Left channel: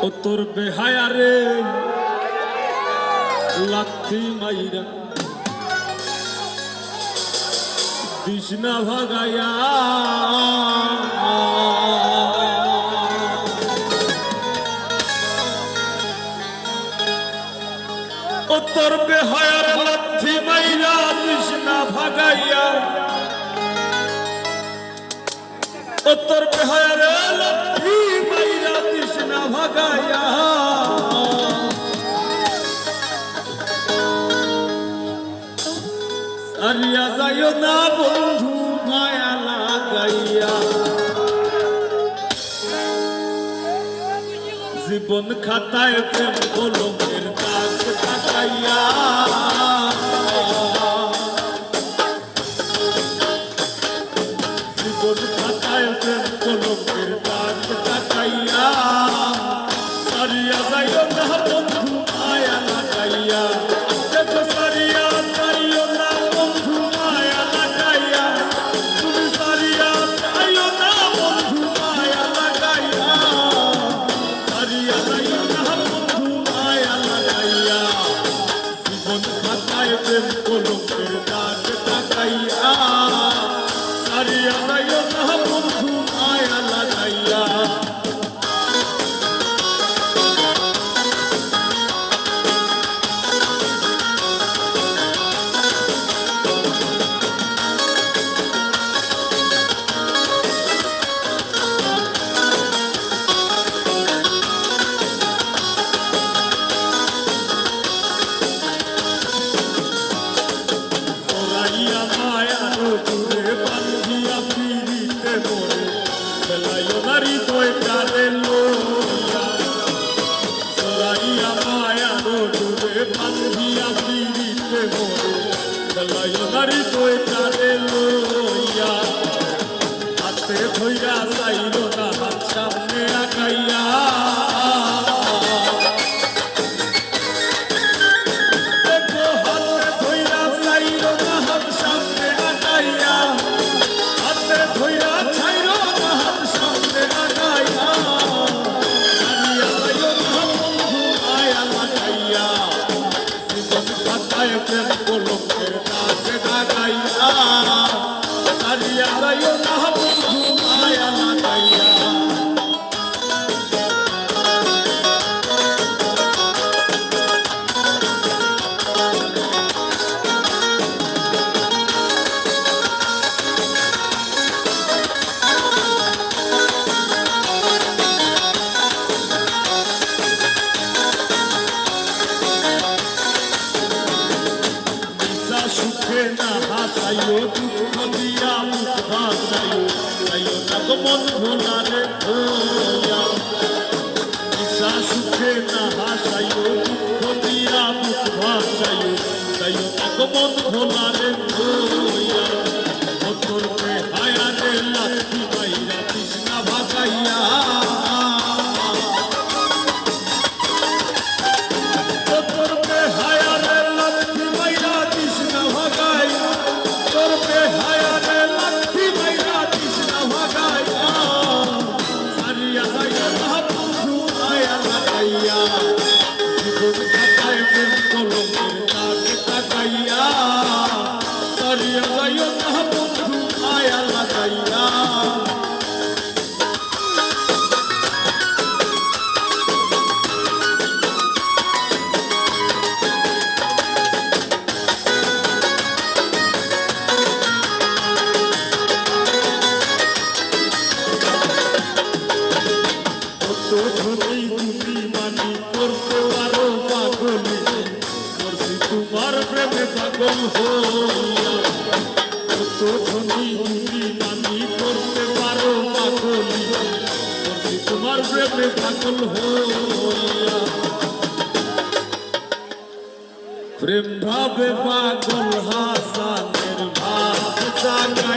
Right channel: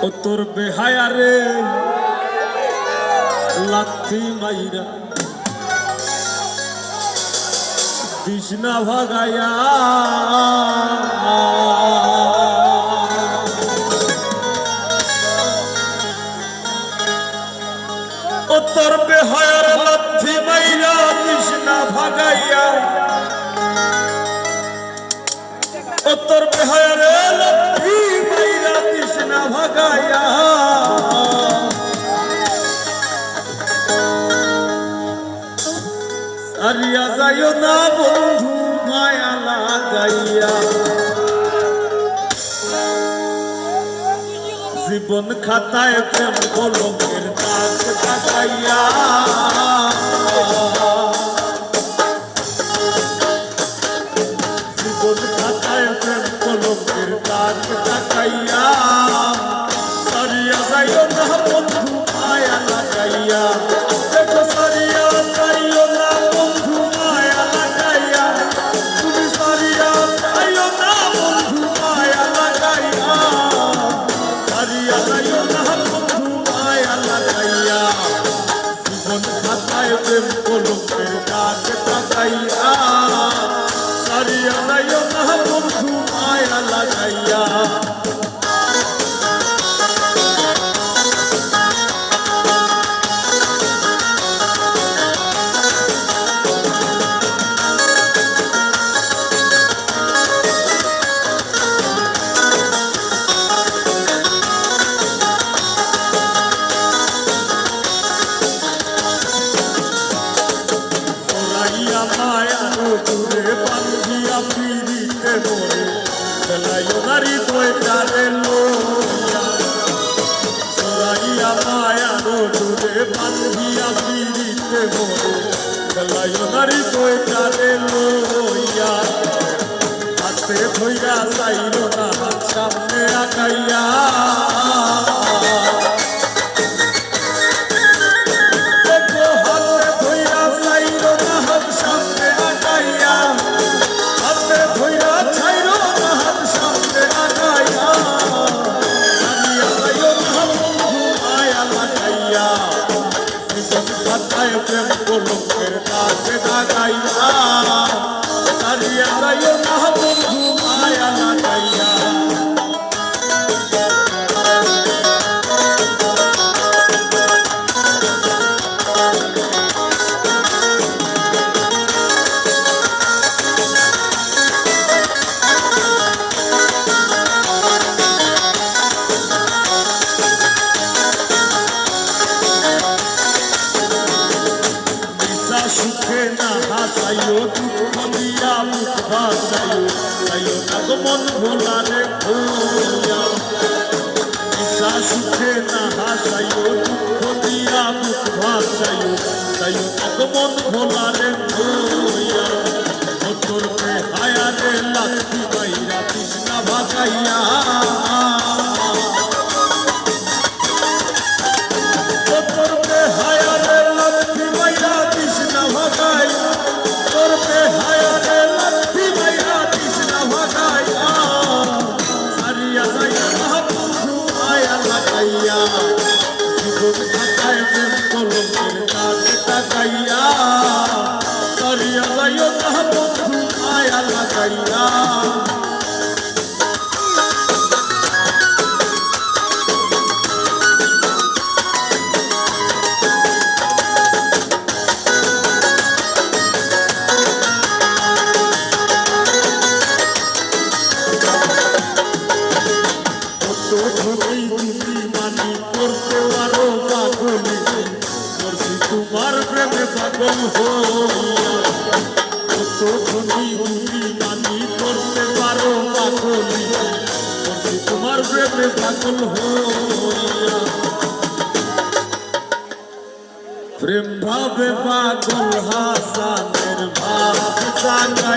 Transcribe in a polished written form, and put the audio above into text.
ও তোর বেহায়া রে লাথি মাইরা কৃষ্ণা ভাগায়া ও তোর বেহায়ার লাথি মাইরা কৃষ্ণা ভাগাইয়া ও তোর বেহায়ার লাথি মাইরা কৃষ্ণা ভাগাইয়া সারিয়া যাইও না বন্ধু মায়া লাগাইয়া জীবন খাতায় প্রেম কলমের দাগ লাগাইয়া জীবন খাতায় প্রেম কলমের দাগ লাগাইয়া সারিয়া যাইও না বন্ধু মায়া লাগাইয়া কলমের দাগ লাগাইয়া সারিয়া যাইও না বন্ধু মায়া লাগাইয়া দূরে বান্ধিয়া পিড়িতে মোরে বেলাইও নারী তোয় প্রাণে লোয়া সরাইয়া মায়ানো দূরে বান্ধিয়া পিড়িতে মোরে বেলাইও নারী তোয় প্রাণে লইয়া হাতে ধইরা চাইল না সামনে আগাইয়া প্রেম কলমের দাগ লাগাইয়া সারিয়া যাইও না বন্ধু মায়া লাগাইয়া সুখে না হাসাইও দুঃখ দিয়া মুখ ভাসাইও যাইও না গো মন ভোলারে ভোলা ঈশা সুখে না হাসাইও দুঃখ দিয়া মুখ ভাসাইও যাইও না গো মন ভোলারে ভোলা ও তোর বেহায়ারে লাথি মাইরা কৃষ্ণা ভাগাইয়া ও তোর বেহায়ারে লাথি মাইরা কৃষ্ণা ভাগাইয়া তোর বেহায়ারে লাথি মাইরা কৃষ্ণা ভাগাইয়া সারিয়া যাইও না বন্ধু মায়া লাগাইয়া জীবন খাতায় প্রেম কলমের দাগ লাগাইয়া সারিয়া যাইও না বন্ধু মায়া লাগাইয়া মানি করতে পারো পাগলি করছি তোমার প্রেমে পাগল মানি করতে পারো পাগলি করছি তোমার প্রেমে পাগল হইয়া প্রেম ভাবে পাগল হাসানের ভাব জাগা